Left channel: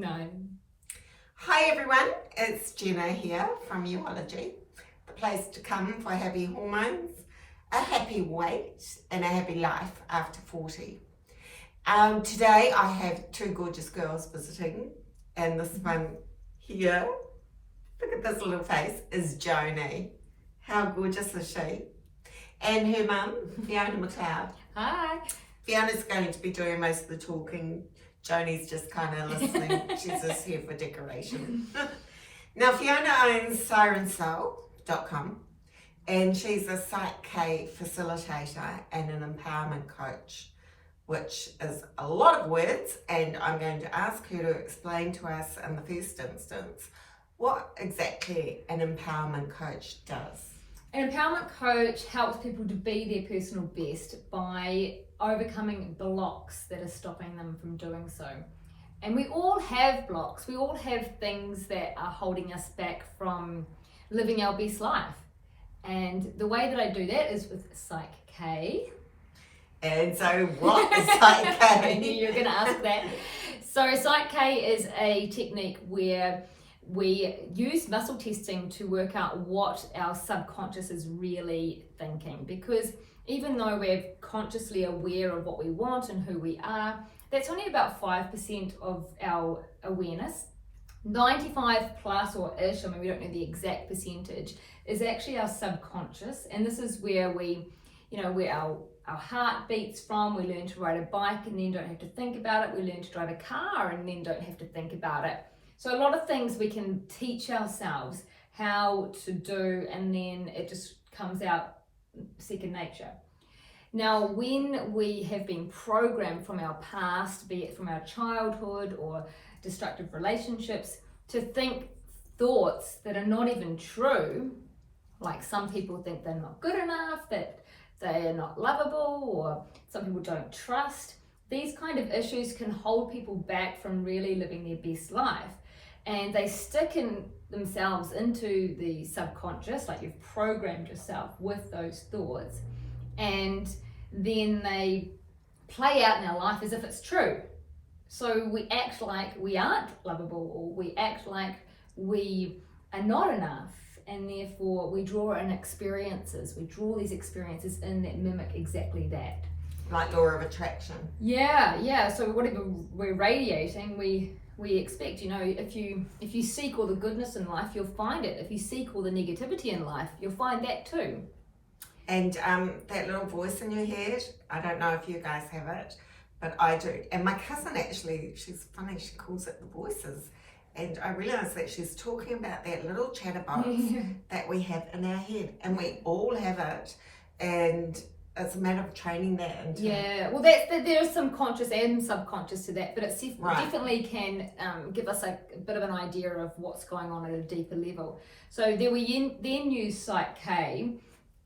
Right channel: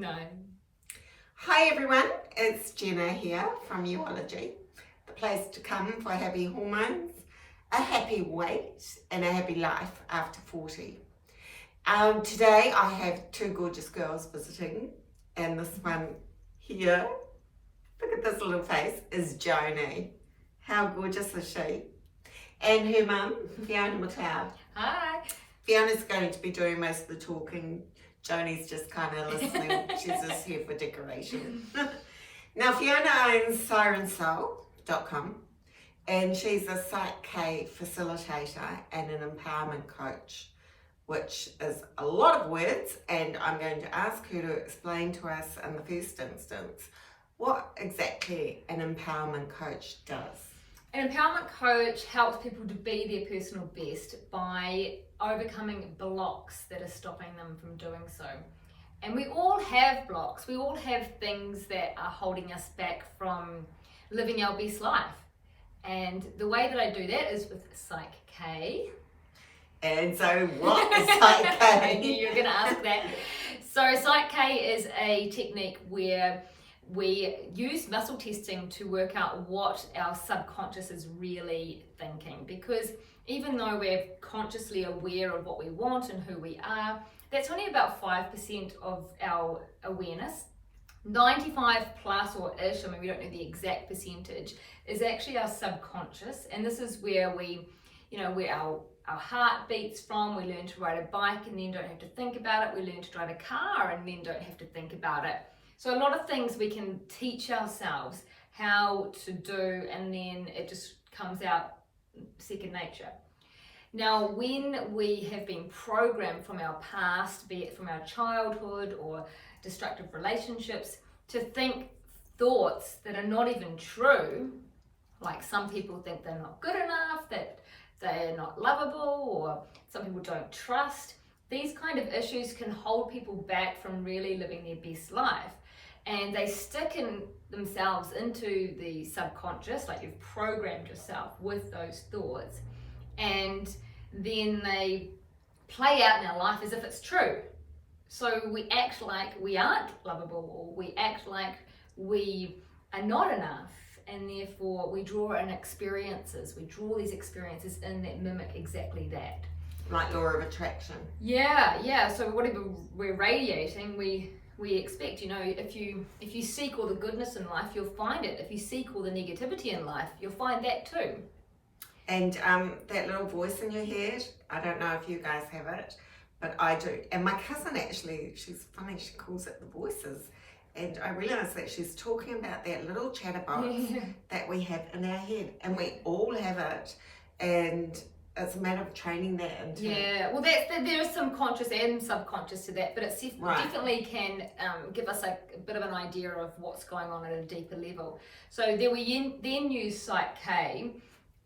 9. Hi everyone, it's Jenna here from Uology, the place to come for happy hormones, a happy weight and a happy life after 40. Today I have two gorgeous girls visiting, and this one here, look at this little face, is Joni. How gorgeous is she? And her mum, Fiona McLeod. Hi. Fiona's going to be doing most of the talking. Joni's just kind of listening. She's just here for decoration. Now, Fiona owns sirensoul.com, and she's a Psych-K Facilitator and an empowerment coach, which is a lot of words, and I'm going to ask her to explain to us in the first instance what exactly an empowerment coach does. An empowerment coach helps people to be their personal best by overcoming blocks that are stopping them from doing so. And we all have blocks. We all have things that are holding us back from living our best life. And the way that I do that is with Psych-K. And so what is Psych-K? I knew you were going to ask that. So Psych-K is a technique where we use muscle testing to work out what our subconscious is really thinking, because even though we're consciously aware of what we want and who we are, that's only about 5% of our awareness. 95 plus or ish, I mean we don't know the exact percentage, is actually our subconscious, and this is where we, where our heart beats from. We learn to ride a bike and then don't have to think about it. We learn to drive a car and then don't have to think about it. So a lot of things we can teach ourselves how to do, and then it just comes out second nature. Now, when we have been programmed from our past, be it from our childhood or destructive relationships, to think thoughts that are not even true, like some people think they're not good enough, that they're not lovable, or some people don't trust, these kind of issues can hold people back from really living their best life. And they stick in themselves into the subconscious, like you've programmed yourself with those thoughts, and then they play out in our life as if it's true. So we act like we aren't lovable, or we act like we are not enough, and therefore we draw in experiences. We draw these experiences in that mimic exactly that. Like law of attraction. Yeah. So whatever we're radiating, we expect. If you seek all the goodness in life, you'll find it. If you seek all the negativity in life, you'll find that too. And that little voice in your head, I don't know if you guys have it, but I do. And my cousin actually, she's funny, she calls it the voices. And I realised that she's talking about that little chatterbox that we have in our head. And we all have it. And it's a matter of training that into. Yeah, well, there's some conscious and subconscious to that, but it definitely can give us a bit of an idea of what's going on at a deeper level. So we then use Psych-K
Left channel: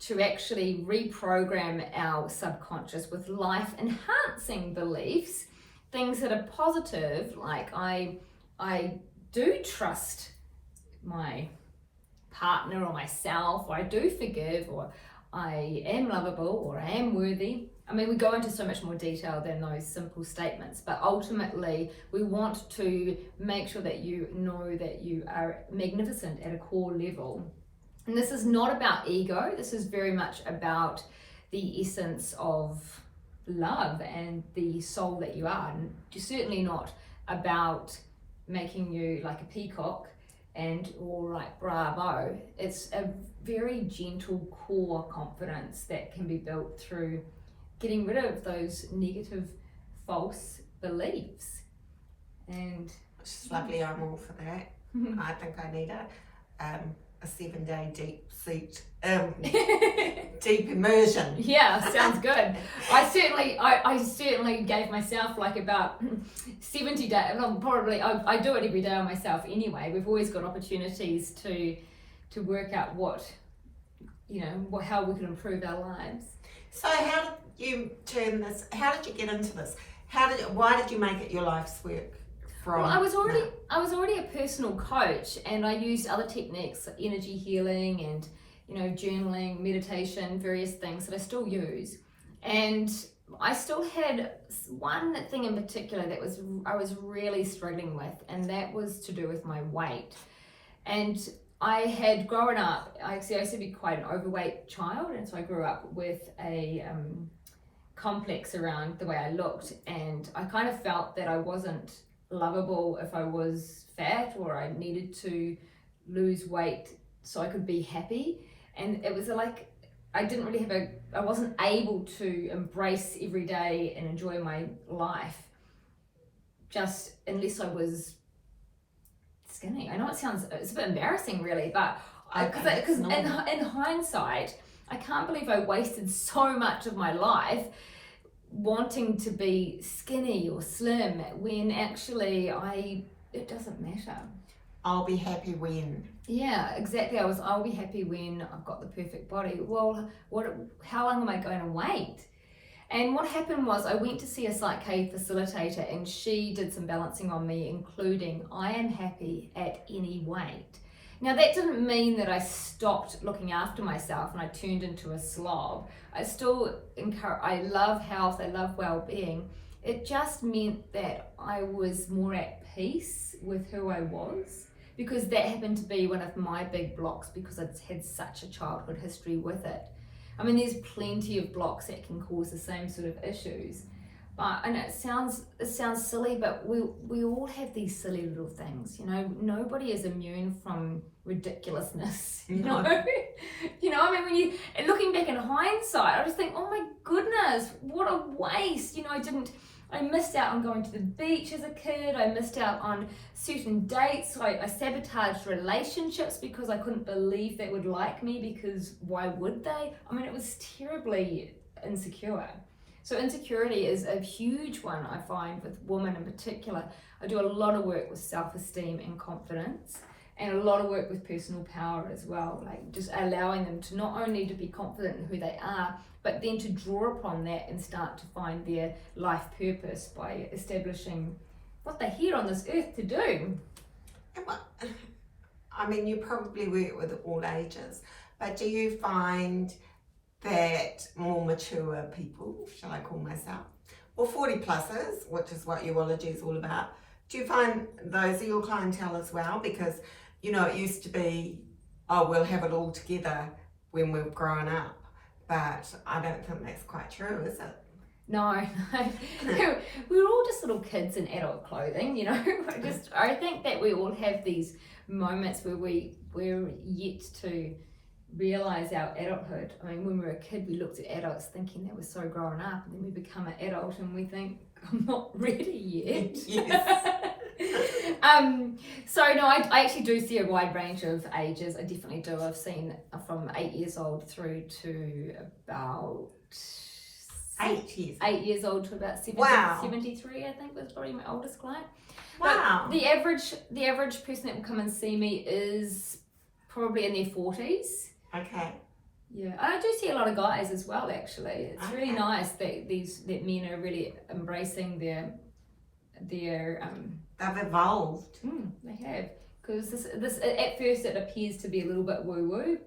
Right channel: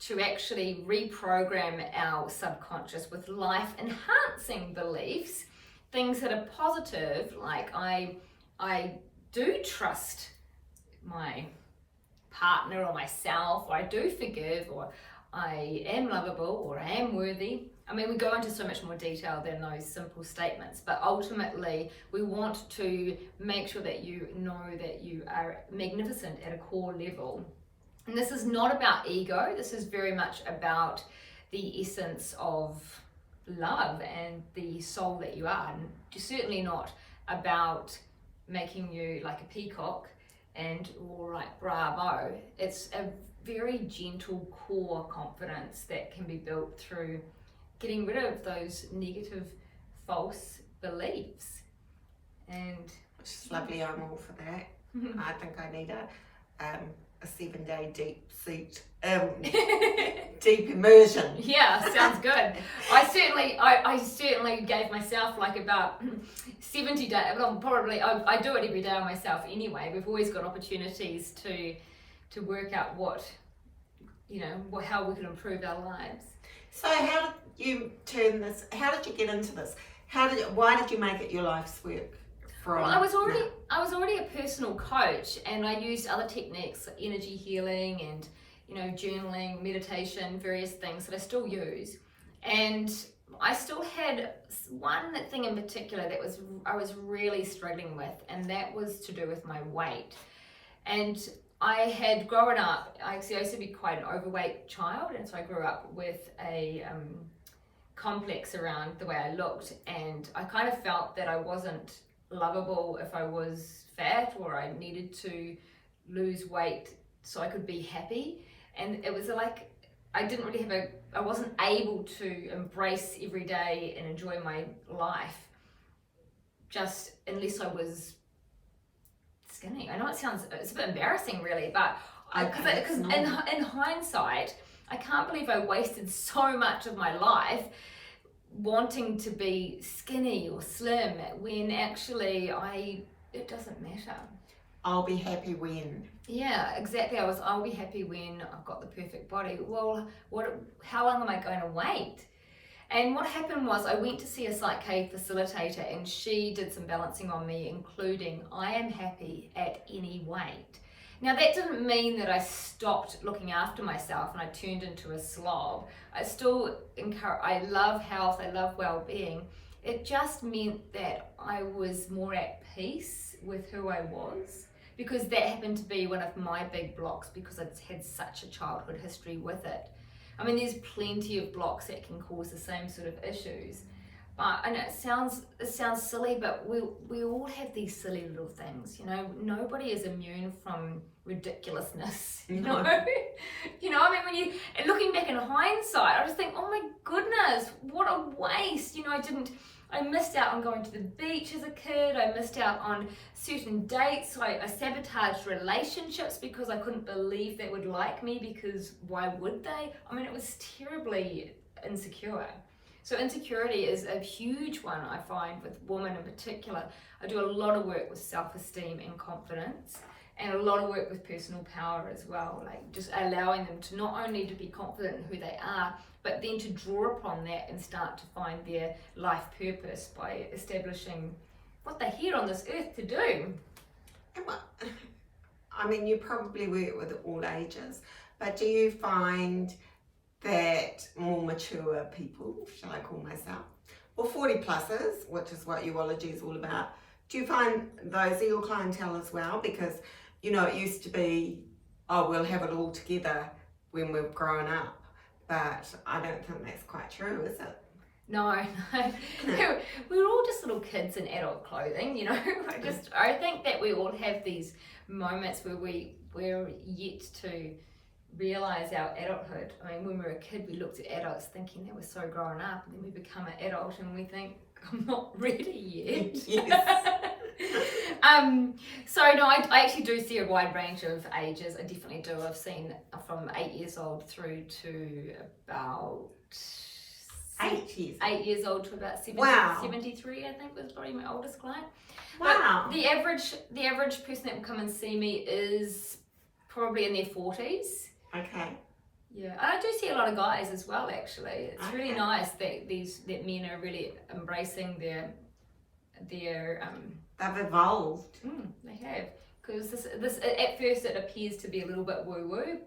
to actually reprogram our subconscious with life-enhancing beliefs, things that are positive, like I do trust my partner or myself, or I do forgive, or I am lovable, or I am worthy. I mean, we go into so much more detail than those simple statements, but ultimately we want to make sure that you know that you are magnificent at a core level. And this is not about ego. This is very much about the essence of love and the soul that you are. And certainly not about making you like a peacock or like bravo. It's a very gentle core confidence that can be built through getting rid of those negative false beliefs. And which is lovely. I'm all for that. I think I need a 7-day deep immersion. Yeah, sounds good. I certainly gave myself like about 70 days. Well, probably I do it every day on myself anyway. We've always got opportunities to work out how we can improve our lives. So how did you turn this? How did you get into this? Why did you make it your life's work? Well, I was already a personal coach, and I used other techniques like energy healing and journaling, meditation, various things that I still use. And I still had one thing in particular that I was really struggling with, and that was to do with my weight. And I had grown up, I used to be quite an overweight child, and so I grew up with a complex around the way I looked, and I kind of felt that I wasn't lovable if I was fat, or I needed to lose weight so I could be happy. And it was like I didn't really I wasn't able to embrace every day and enjoy my life just unless I was skinny. I know it's a bit embarrassing really, but because in hindsight, I can't believe I wasted so much of my life wanting to be skinny or slim when actually it doesn't matter. I'll be happy when. Yeah, exactly. I'll be happy when I've got the perfect body. Well, how long am I going to wait? And what happened was I went to see a Psych-K Facilitator, and she did some balancing on me, including I am happy at any weight. Now that didn't mean that I stopped looking after myself and I turned into a slob. I still I love health, I love well-being. It just meant that I was more at peace with who I was, because that happened to be one of my big blocks, because I'd had such a childhood history with it. I mean, there's plenty of blocks that can cause the same sort of issues. But I know it sounds silly, but we all have these silly little things, you know. Nobody is immune from ridiculousness, you know. You know, I mean, when looking back in hindsight, I just think, oh my goodness, what a waste. You know, I missed out on going to the beach as a kid. I missed out on certain dates. I sabotaged relationships because I couldn't believe they would like me, because why would they? I mean, it was terribly insecure. So insecurity is a huge one, I find, with women in particular. I do a lot of work with self-esteem and confidence, and a lot of work with personal power as well, like just allowing them to not only to be confident in who they are, but then to draw upon that and start to find their life purpose by establishing what they're here on this earth to do. I mean, you probably work with all ages, but do you find that more mature people, shall I call myself, or 40 pluses, which is what urology is all about, do you find those are your clientele as well? Because, you know, it used to be, oh, we'll have it all together when we've grown up, but I don't think that's quite true, is it? No. We were all just little kids in adult clothing, you know. I think that we all have these moments where we're yet to realize our adulthood. I mean, when we were a kid, we looked at adults thinking they were so grown up, and then we become an adult and we think, I'm not ready yet. Yes. So no, I actually do see a wide range of ages. I definitely do. I've seen from 8 years old through to about 8 years old to about 73, I think was probably my oldest client. Wow. But the average person that will come and see me is probably in their 40s. Okay. Yeah, and I do see a lot of guys as well, actually. It's really nice that men are really embracing their they've evolved. They have, because this at first it appears to be a little bit woo-woo,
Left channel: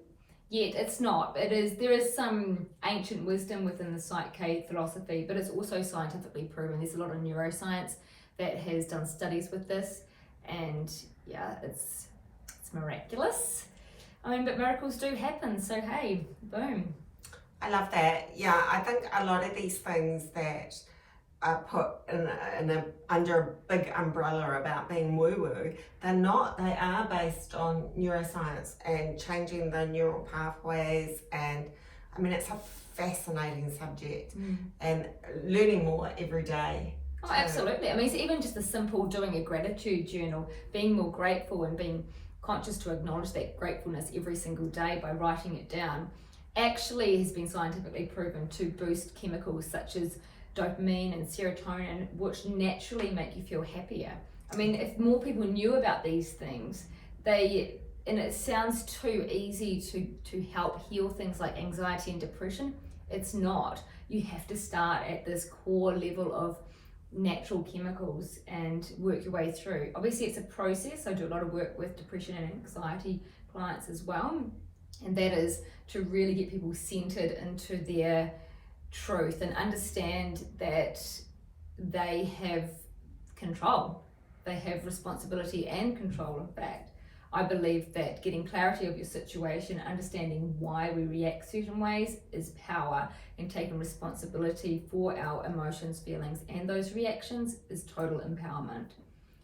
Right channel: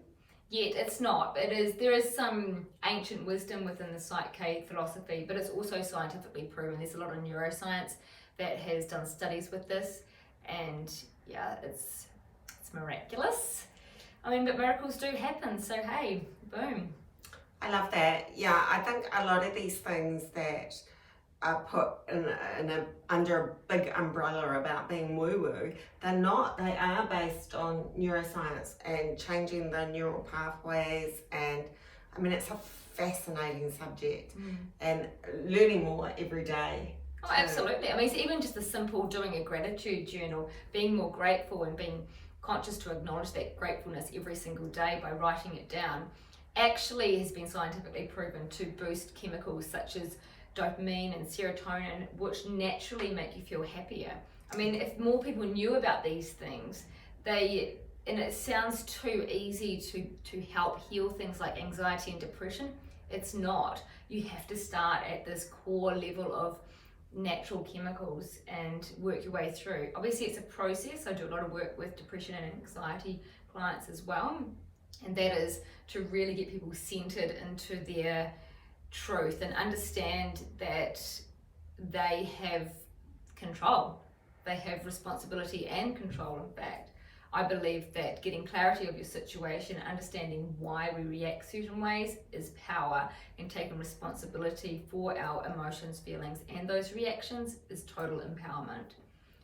yet it's not. There is some ancient wisdom within the Psych-K philosophy, but it's also scientifically proven. There's a lot of neuroscience that has done studies with this, and yeah, it's miraculous. I mean, but miracles do happen, so hey, boom. I love that. Yeah, I think a lot of these things that are put under a big umbrella about being woo-woo, they're not. They are based on neuroscience and changing the neural pathways, and I mean, it's a fascinating subject and learning more every day. Oh, absolutely. I mean, it's even just the simple doing a gratitude journal, being more grateful and being conscious to acknowledge that gratefulness every single day by writing it down, actually has been scientifically proven to boost chemicals such as dopamine and serotonin, which naturally make you feel happier. I mean, if more people knew about these things, and it sounds too easy to help heal things like anxiety and depression. It's not. You have to start at this core level of natural chemicals and work your way through. Obviously, it's a process. I do a lot of work with depression and anxiety clients as well, and that is to really get people centered into their truth and understand that they have control. They have responsibility and control of that. I believe that getting clarity of your situation, understanding why we react certain ways is power, and taking responsibility for our emotions, feelings, and those reactions is total empowerment.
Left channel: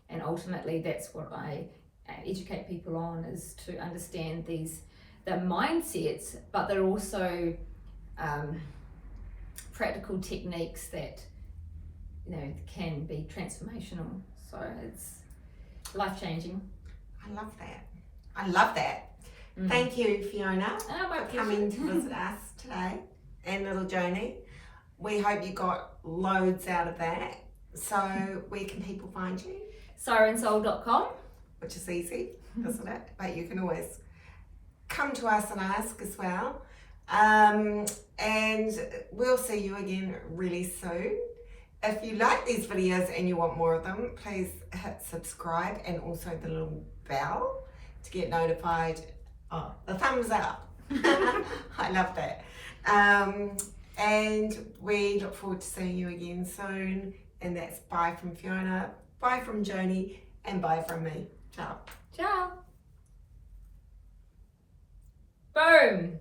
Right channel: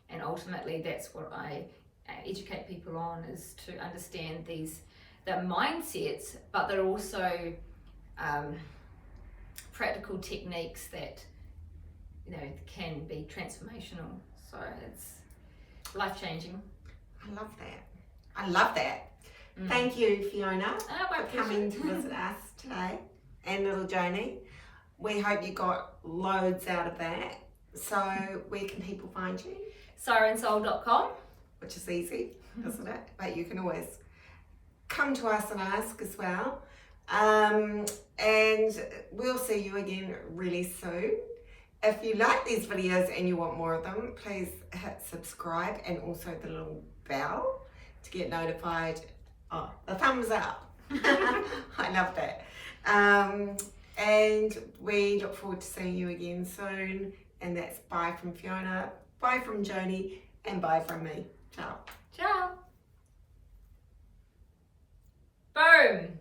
And ultimately, that's what I educate people on, is to understand the mindsets, but they're also practical techniques that can be transformational. So it's life-changing. I love that. Thank you, Fiona, for coming to visit us today, and little Joni. We hope you got loads out of that. So where can people find you? SirenSoul.com. Which is easy, isn't it? But you can always come to us and ask as well. And we'll see you again really soon. If you like these videos and you want more of them, please hit subscribe and also the little bell to get notified. Oh, the thumbs up. I love that. And we look forward to seeing you again soon. And that's bye from Fiona, bye from Joni, and bye from me. Ciao. Ciao. Boom.